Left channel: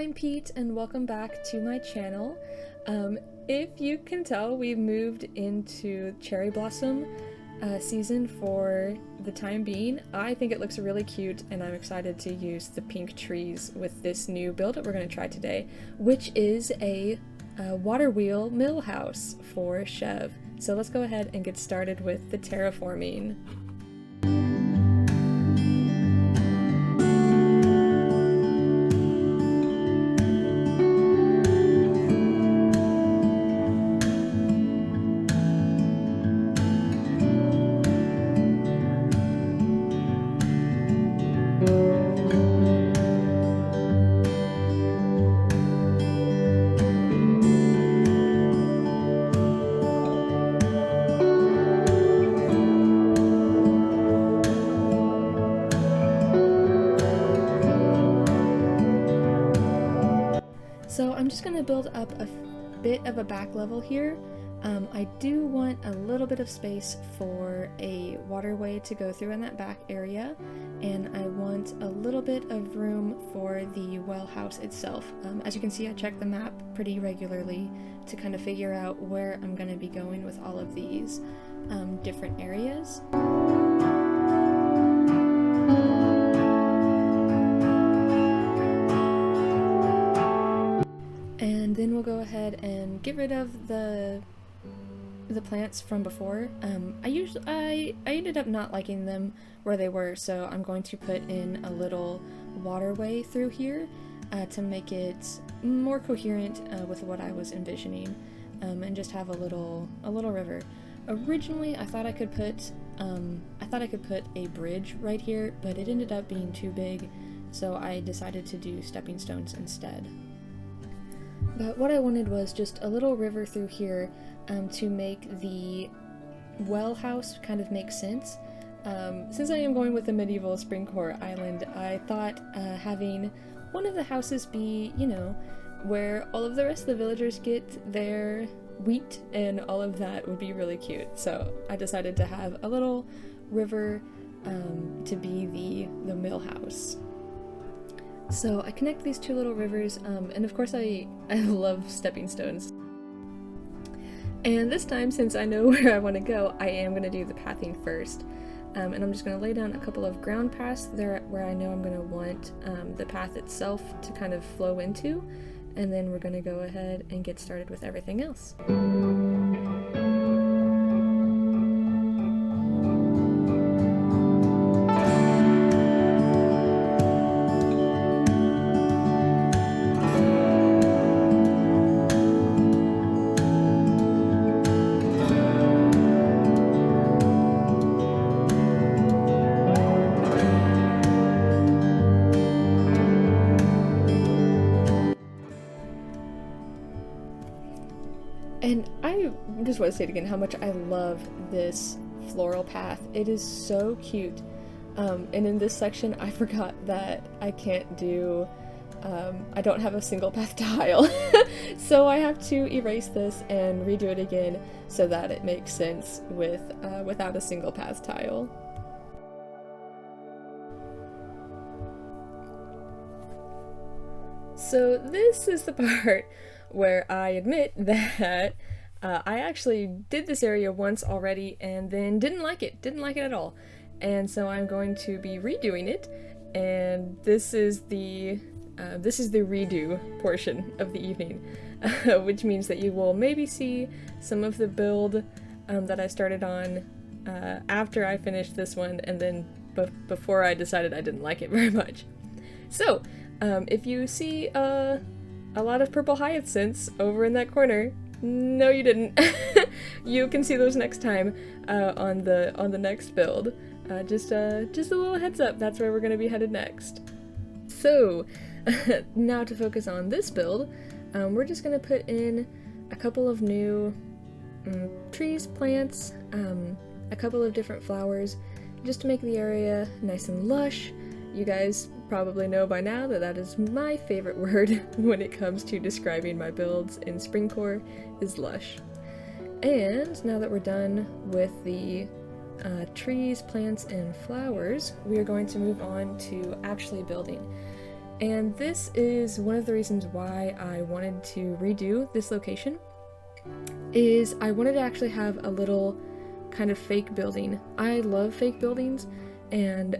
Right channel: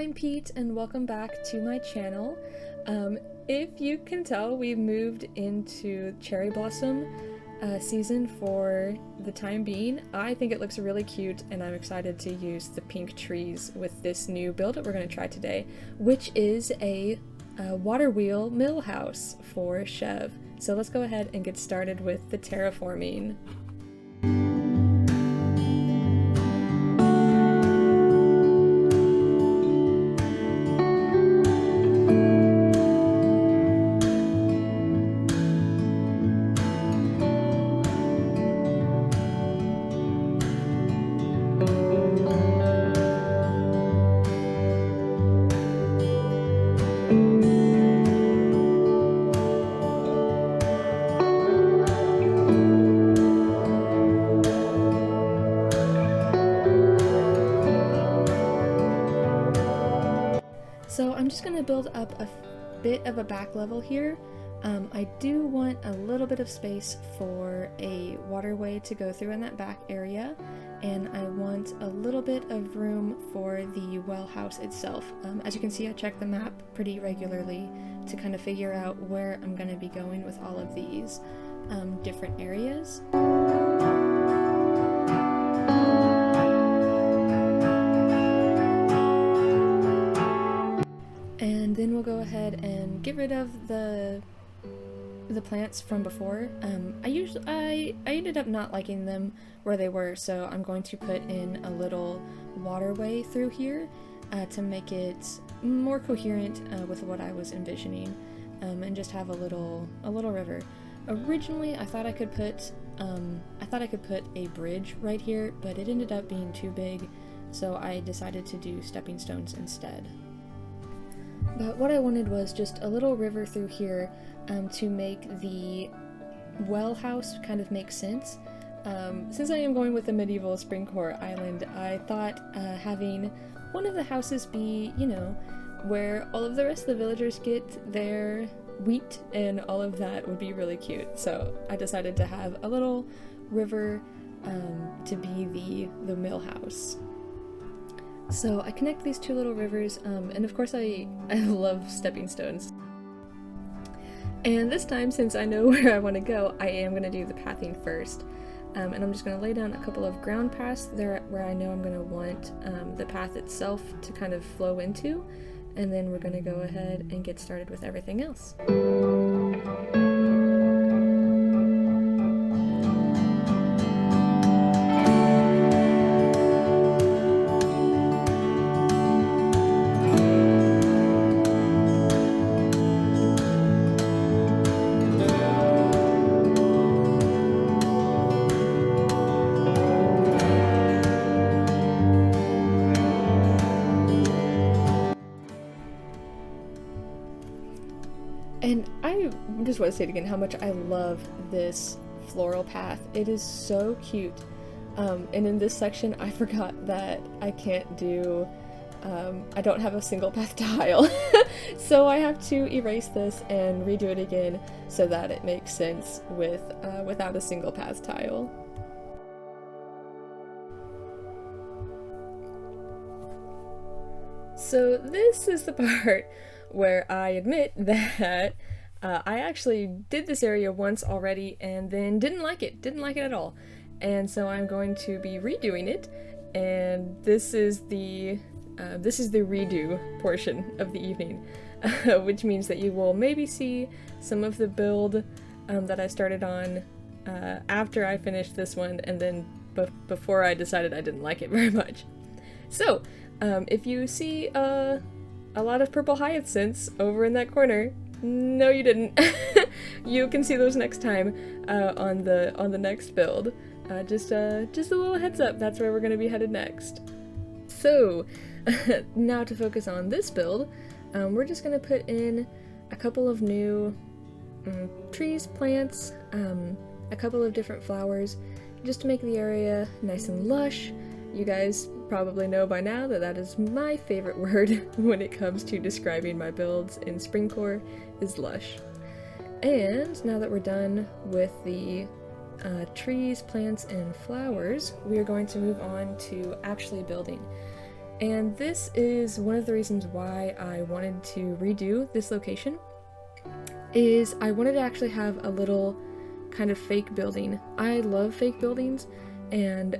I'm Pete and welcome back to my channel. If you can tell, we've moved into cherry blossom season for the time being. I think it looks really cute and I'm excited to use the pink trees with this new build that we're going to try today, which is a water wheel mill house for Chevre. So let's go ahead and get started with the terraforming. So I'm just going to build up a bit of a back level here. I do want a little bit of space for a waterway to go through in that back area, and I want a little bit of room for the well house itself. As you can see, I check the map pretty regularly to kind of figure out where I'm going to be going with all of these different areas. And then we'll go ahead and get rid of the plants from before. I ended up not liking them where they were, so I'm going to put in a little waterway through here to make it more coherent with what I was envisioning, and just have a little river. Originally, I thought I could put a bridge right here, but it ended up being too big, so I decided to do stepping stones instead. But what I wanted was just a little river through here to make the well house kind of make sense. Since I am going with a medieval Springcore island, I thought having one of the houses be, you know, where all of the rest of the villagers get their wheat and all of that would be really cute. So I decided to have a little river to be the mill house. So I connect these two little rivers, and of course I love stepping stones. And this time, since I know where I want to go, I am going to do the pathing first. And I'm just going to lay down a couple of ground paths there where I know I'm going to want the path itself to kind of flow into, and then we're going to go ahead and get started with everything else. And I just want to say it again, how much I love this floral path. It is so cute. And in this section, I forgot that I can't do, I don't have a single path tile. So I have to erase this and redo it again so that it makes sense with without a single path tile. So this is the part where I admit that I actually did this area once already and then didn't like it at all. And so I'm going to be redoing it, and this is the redo portion of the evening, which means that you will maybe see some of the build that I started on after I finished this one, and then before I decided I didn't like it very much. So if you see a lot of purple hyacinths over in that corner, no you didn't. You can see those next time on the next build. Just a little heads up, that's where we're going to be headed next. So now to focus on this build, we're just going to put in a couple of new trees, plants, a couple of different flowers, just to make the area nice and lush. You guys probably know by now that that is my favorite word when it comes to describing my builds in Springcore, is lush. And now that we're done with the trees, plants, and flowers, we are going to move on to actually building. And this is one of the reasons why I wanted to redo this location, is I wanted to actually have a little kind of fake building. I love fake buildings, and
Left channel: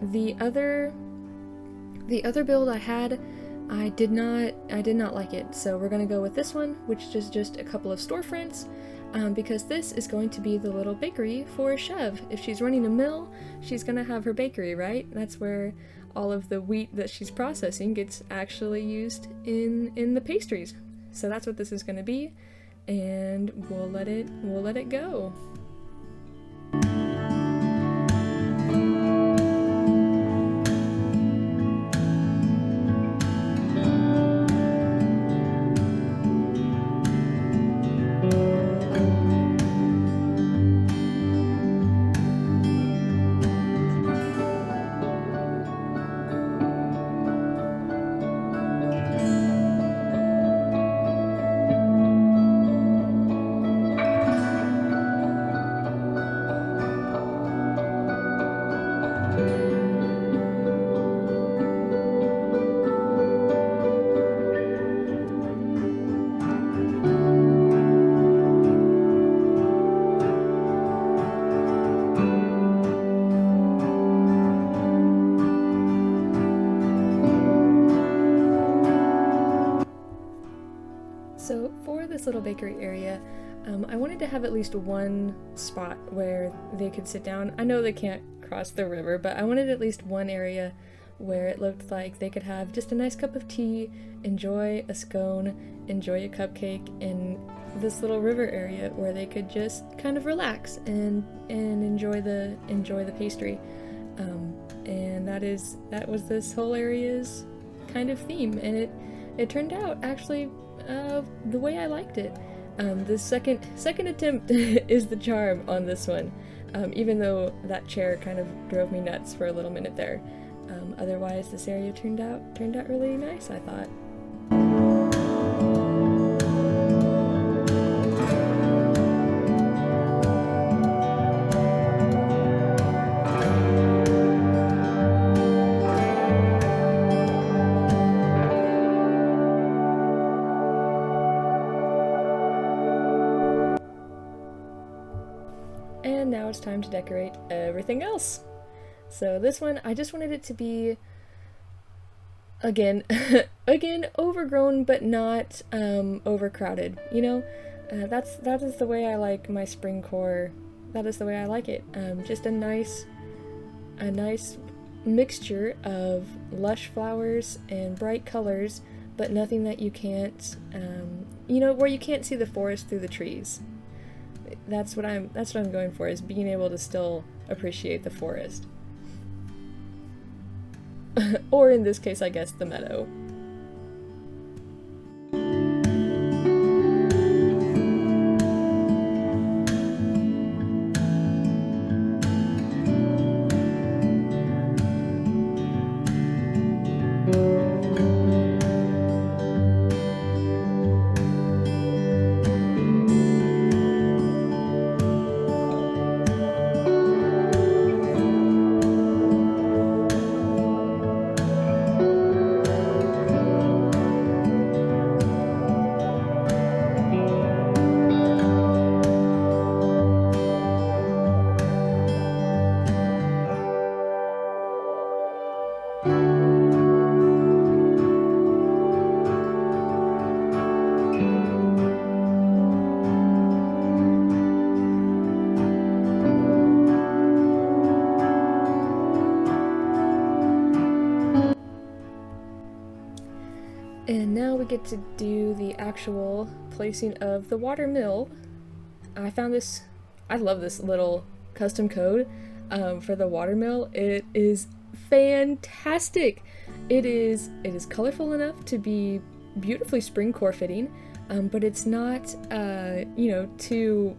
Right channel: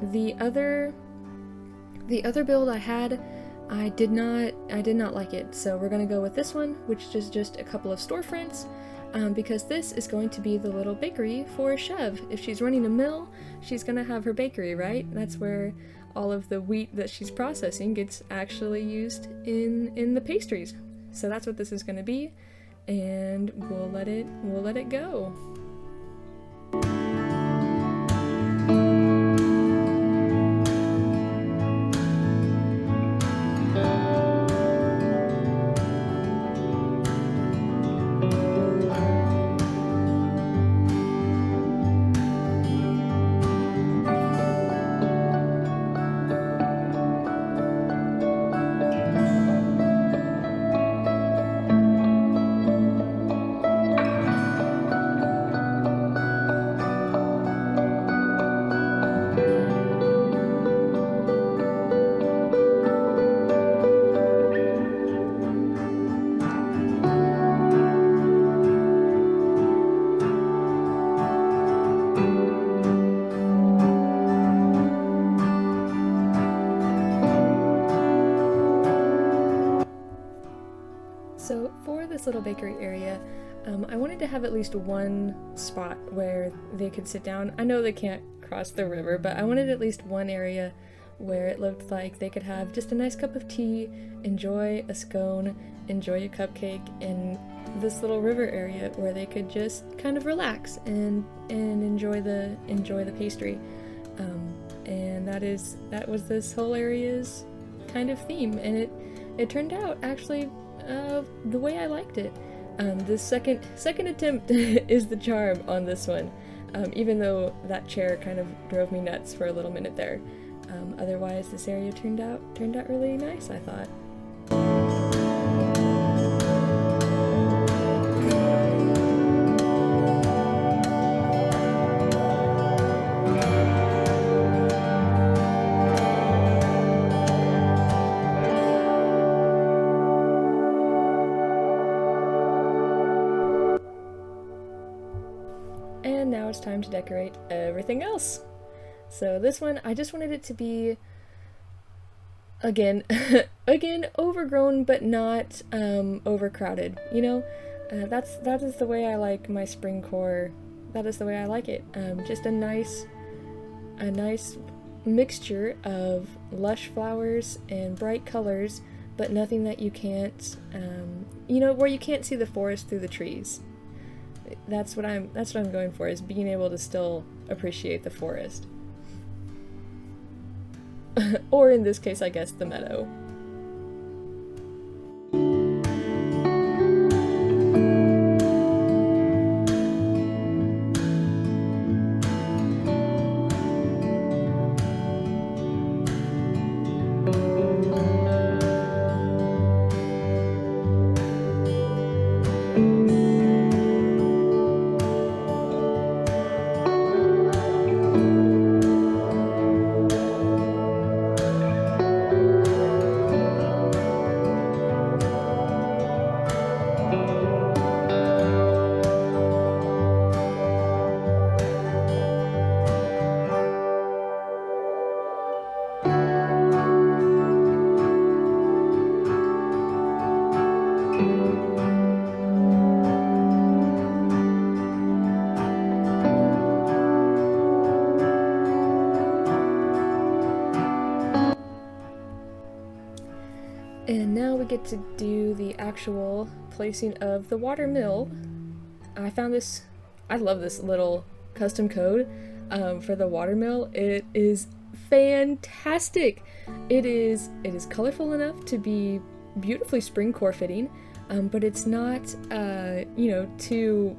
the other build I had, I did not like it. So we're gonna go with this one, which is just a couple of storefronts, because this is going to be the little bakery for Chevre. If she's running a mill, she's gonna have her bakery, right? That's where all of the wheat that she's processing gets actually used in the pastries. So that's what this is gonna be, and we'll let it go. So for this little bakery area, I wanted to have at least one spot where they could sit down. I know they can't cross the river, but I wanted at least one area where it looked like they could have just a nice cup of tea, enjoy a scone, enjoy a cupcake, in this little river area where they could just kind of relax and enjoy the pastry. And that was this whole area's kind of theme, and it turned out actually the way I liked it. The second attempt is the charm on this one, even though that chair kind of drove me nuts for a little minute there. Otherwise, this area turned out really nice, I thought. And now it's time to decorate everything else. So this one, I just wanted it to be, again, overgrown but not overcrowded. You know, that is the way I like my Springcore. That is the way I like it. Just a nice mixture of lush flowers and bright colors, but nothing that you can't, where you can't see the forest through the trees. That's what I'm going for, is being able to still appreciate the forest. Or in this case, I guess, the meadow. And now we get to do the actual placing of the water mill. I love this little custom code for the water mill. It is fantastic. It is colorful enough to be beautifully Springcore fitting, but it's not, too,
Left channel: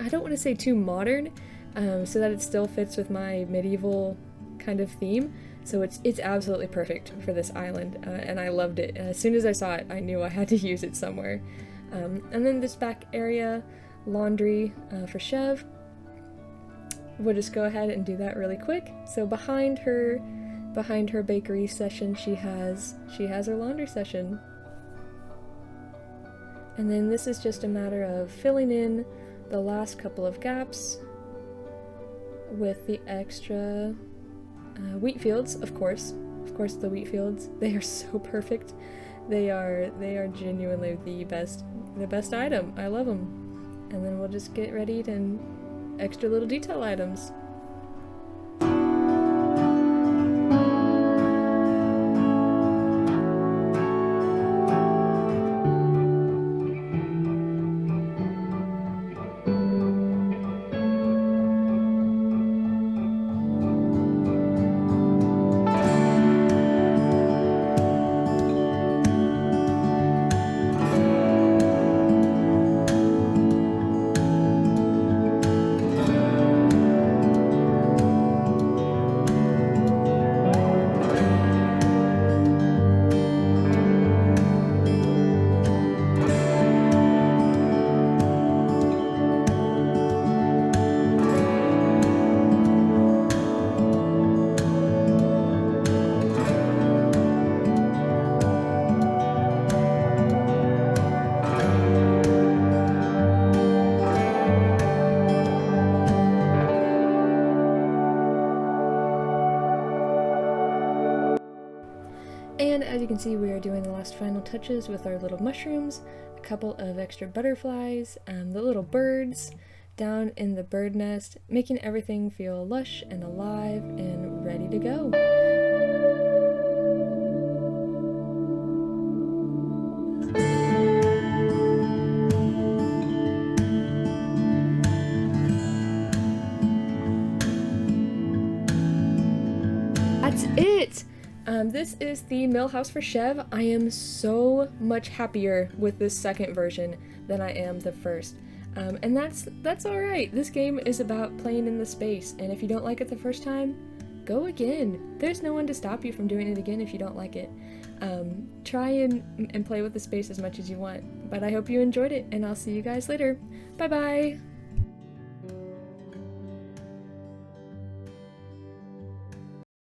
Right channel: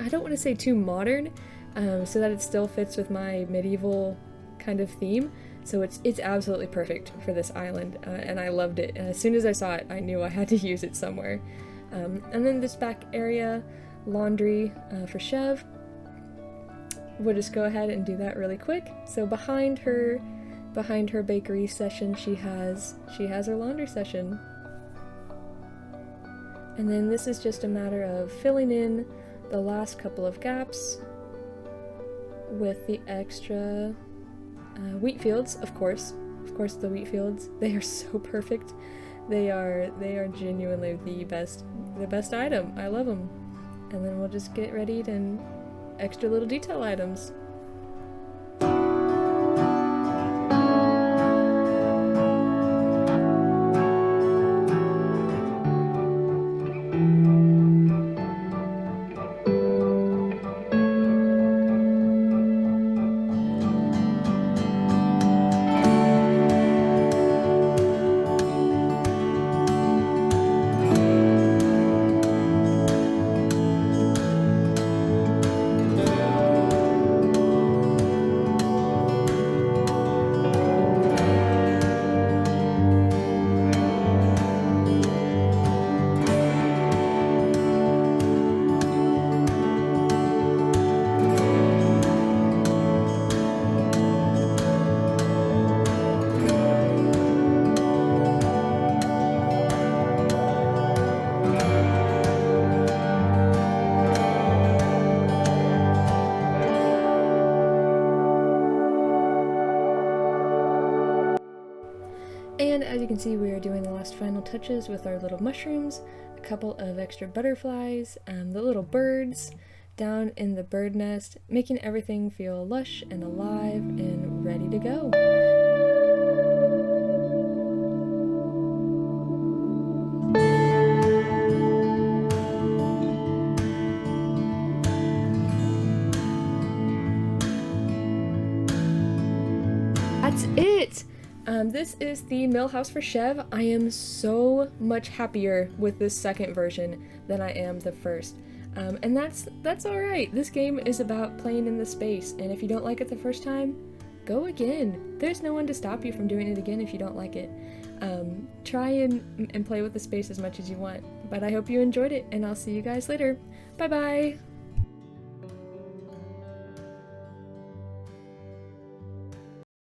I don't want to say too modern, so that it still fits with my medieval kind of theme. So it's absolutely perfect for this island, and I loved it. And as soon as I saw it, I knew I had to use it somewhere. And then this back area, laundry for Chevre. We'll just go ahead and do that really quick. So behind her behind her bakery session she has her laundry session. And then this is just a matter of filling in the last couple of gaps with the extra wheat fields, of course the wheat fields. They are so perfect. They are genuinely the best item. I love them. And then we'll just get ready to extra little detail items. And as you can see, we are doing the last final touches with our little mushrooms, a couple of extra butterflies, the little birds down in the bird nest, making everything feel lush and alive and ready to go. That's it! This is the mill house for Chevre. I am so much happier with this second version than I am the first. And that's alright. This game is about playing in the space, and if you don't like it the first time, go again. There's no one to stop you from doing it again if you don't like it. Try and play with the space as much as you want. But I hope you enjoyed it, and I'll see you guys later. Bye bye!